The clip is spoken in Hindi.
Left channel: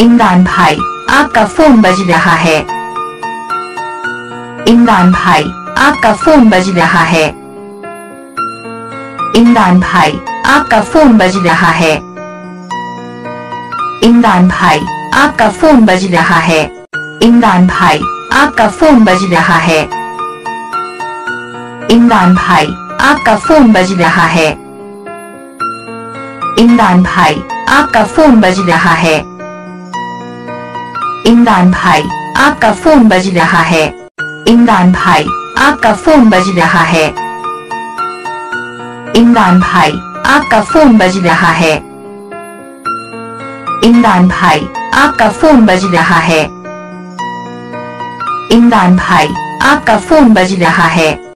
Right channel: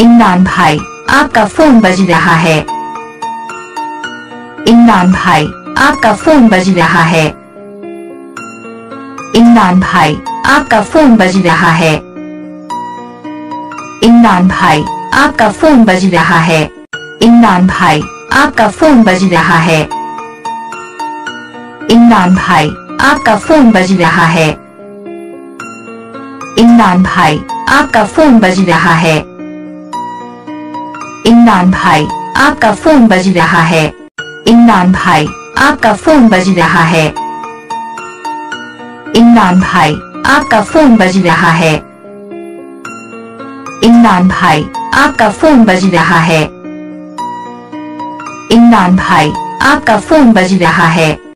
इमरान भाई, आपका फोन बज रहा है। इमरान भाई, आपका फोन बज रहा है। इमरान भाई, आपका फोन बज रहा है। इमरान भाई, आपका फोन बज रहा है। इमरान भाई, आपका फोन बज रहा है। इमरान भाई, आपका फोन बज रहा है। इमरान भाई, आपका फोन बज रहा है। इमरान भाई, आपका फोन बज रहा है। इमरान भाई, आपका फोन बज रहा है। इमरान भाई, आपका फोन बज रहा है। इमरान भाई, आपका फोन बज रहा है। इमरान भाई, आपका फोन बज रहा है।